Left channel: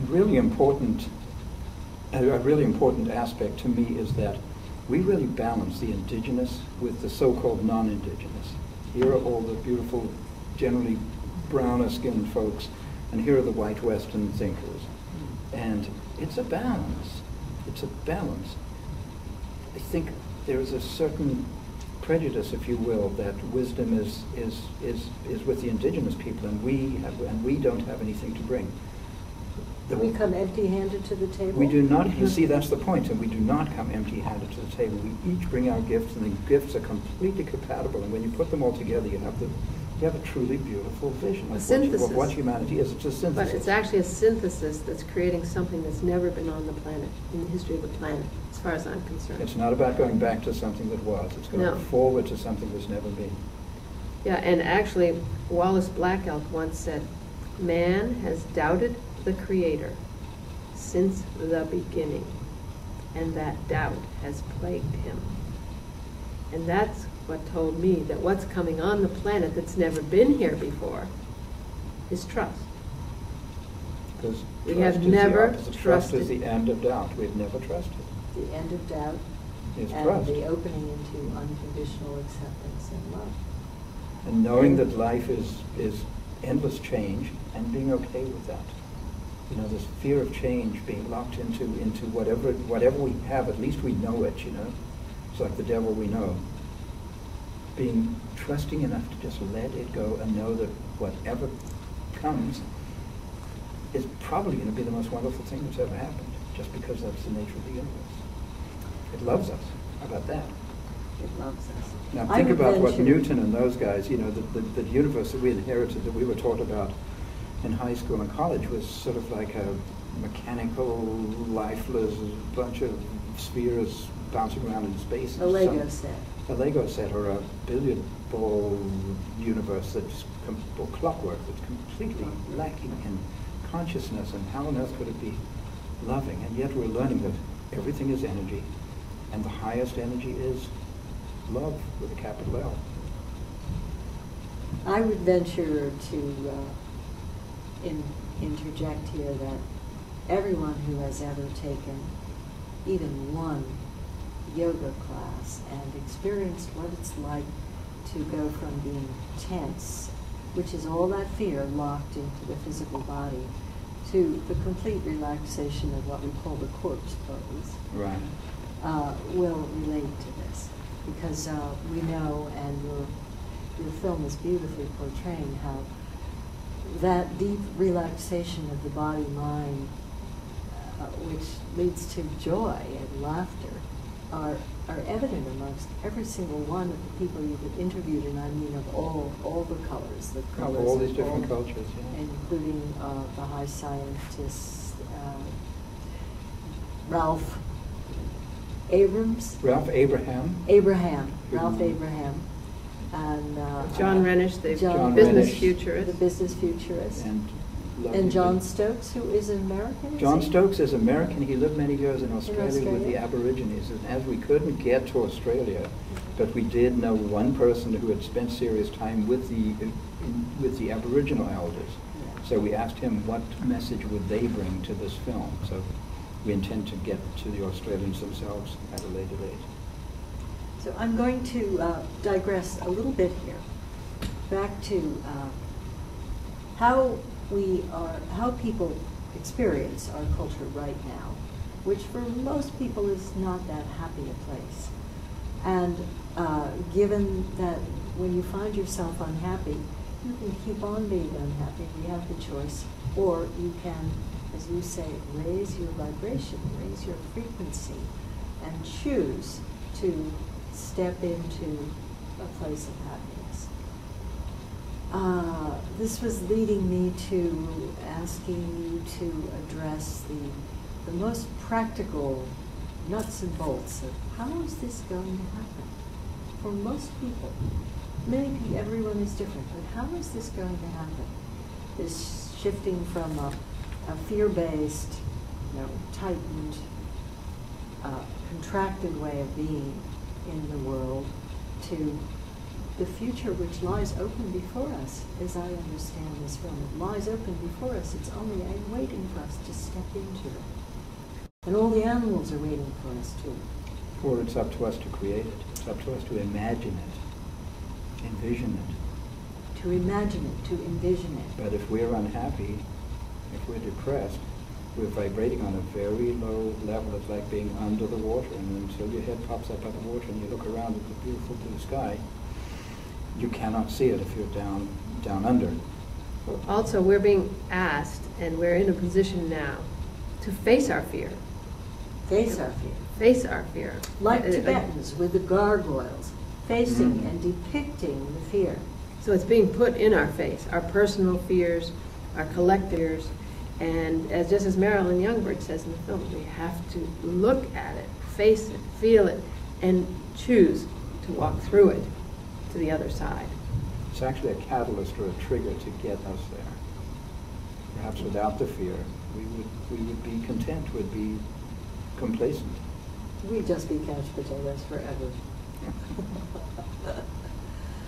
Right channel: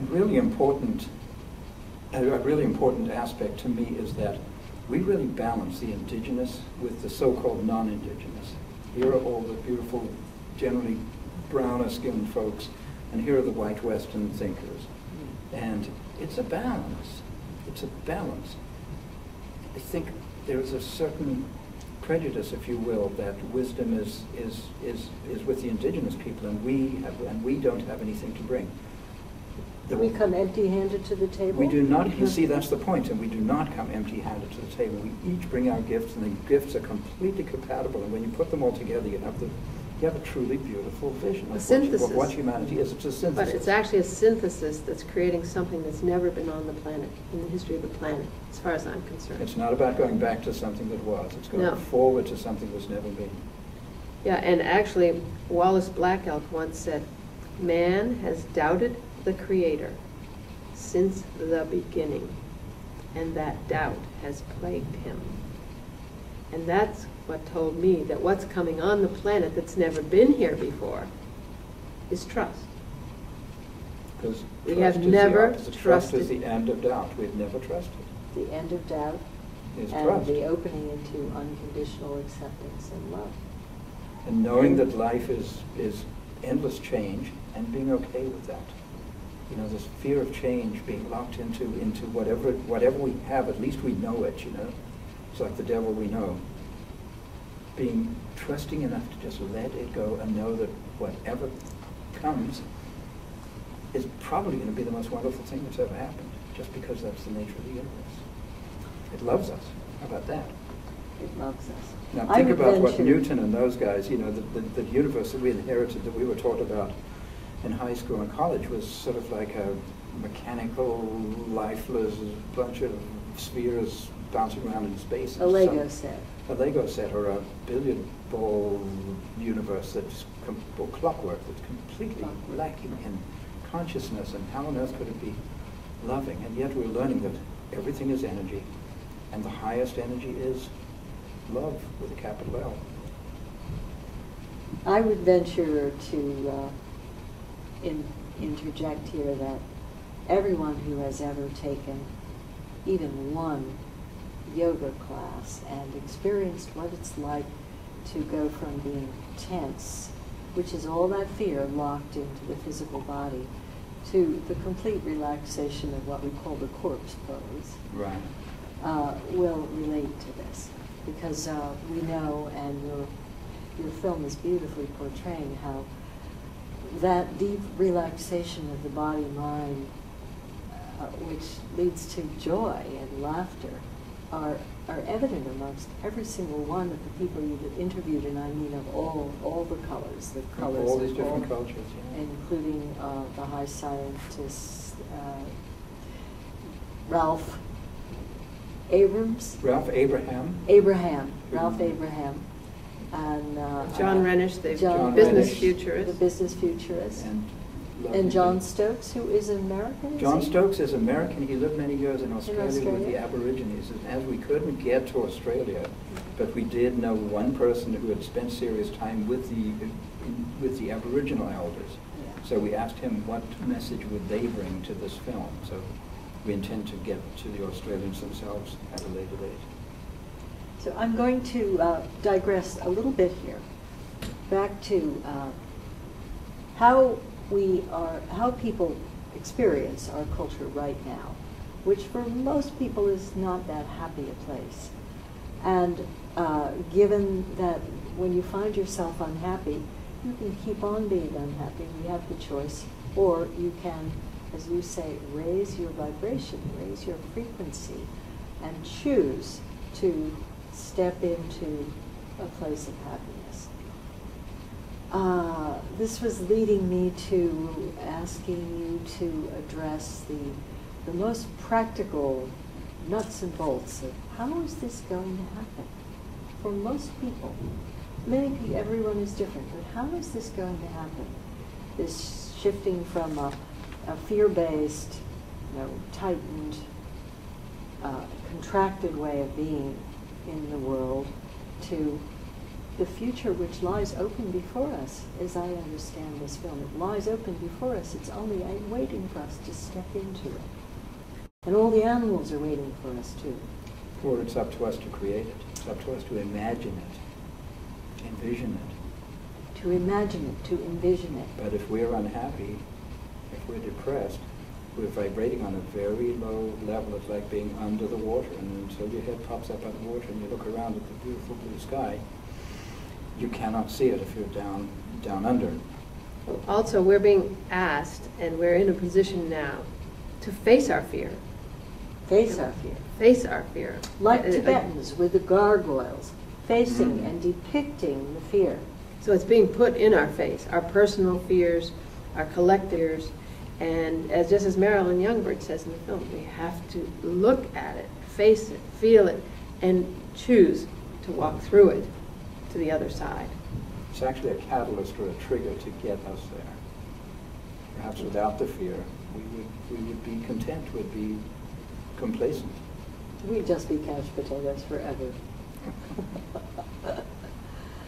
And really important, a really important aspect to me is that we really balance the indigenous with the so-called non-indigenous. Here are all the beautiful, generally browner-skinned folks, and here are the white Western thinkers. And it's a balance. It's a balance. I think there is a certain prejudice, if you will, that wisdom is with the indigenous people, and we don't have anything to bring. We come empty-handed to the table? We do not. You see, that's the point, and we do not come empty-handed to the table. We each bring our gifts, and the gifts are completely compatible. And when you put them all together, you have a truly beautiful vision of what humanity is. It's a synthesis. But it's actually a synthesis that's creating something that's never been on the planet, in the history of the planet, as far as I'm concerned. It's not about going back to something that was. It's going forward to something that's never been. Yeah, and actually, Wallace Black Elk once said, "Man has doubted the Creator since the beginning, and that doubt has plagued him." And that's what told me that what's coming on the planet that's never been here before is trust. Because we have never trusted. Trust is the end of doubt. We've never trusted. The end of doubt is and trust. The opening into unconditional acceptance and love. And knowing that life is endless change and being okay with that. You know, this fear of change, being locked into whatever we have, at least we know it, you know. It's like the devil we know. Being trusting enough to just let it go and know that whatever comes is probably going to be the most wonderful thing that's ever happened, just because that's the nature of the universe. It loves us. How about that? It loves us. Now think about what Newton and those guys, you know, the universe that we inherited, that we were taught about in high school and college, was sort of like a mechanical, lifeless bunch of spheres bouncing around in space. A Lego set. A Lego set, or a billiard ball universe that's or clockwork that's completely lacking in consciousness. And how on earth could it be loving? And yet we're learning that everything is energy, and the highest energy is love with a capital L. I would venture to interject here that everyone who has ever taken even one yoga class and experienced what it's like to go from being tense, which is all that fear locked into the physical body, to the complete relaxation of what we call the corpse pose, right, will relate to this. Because we know, and your film is beautifully portraying how that deep relaxation of the body-mind, which leads to joy and laughter, are evident amongst every single one of the people you've interviewed, and I mean of all the colors, of all these different cultures, yeah. Including the high scientist Ralph Abraham, and John Rennish, the business futurist, and John Stokes, who is American. John Stokes is American. He lived many years in Australia with the Aborigines. And as we couldn't get to Australia, but we did know one person who had spent serious time with the Aboriginal elders. Yeah. So we asked him what message would they bring to this film. So we intend to get to the Australians themselves at a later date. So I'm going to digress a little bit here, back to how people experience our culture right now, which for most people is not that happy a place. And given that when you find yourself unhappy, you can keep on being unhappy. We have the choice, or you can, as you say, raise your vibration, raise your frequency, and choose to step into a place of happiness. This was leading me to asking you to address the most practical nuts and bolts of how is this going to happen? For most people, everyone is different, but how is this going to happen? This shifting from a fear-based, tightened, contracted way of being in the world to the future which lies open before us, as I understand this film. It lies open before us. It's only waiting for us to step into it. And all the animals are waiting for us too. Or it's up to us to create it. It's up to us to imagine it, envision it. To imagine it, to envision it. But if we're unhappy, if we're depressed, we're vibrating on a very low level. It's like being under the water, and until your head pops up out of the water and you look around at the beautiful blue sky, you cannot see it if you're down under. Also, we're being asked, and we're in a position now, to face our fear. Face our fear. Face our fear. Like Tibetans with the gargoyles, facing and depicting the fear. So it's being put in our face, our personal fears, our collective fears, and just as Marilyn Youngbird says in the film, we have to look at it, face it, feel it, and choose to walk through it to the other side. It's actually a catalyst or a trigger to get us there. Perhaps without the fear, we would be content, we'd be complacent. We'd just be couch potatoes forever.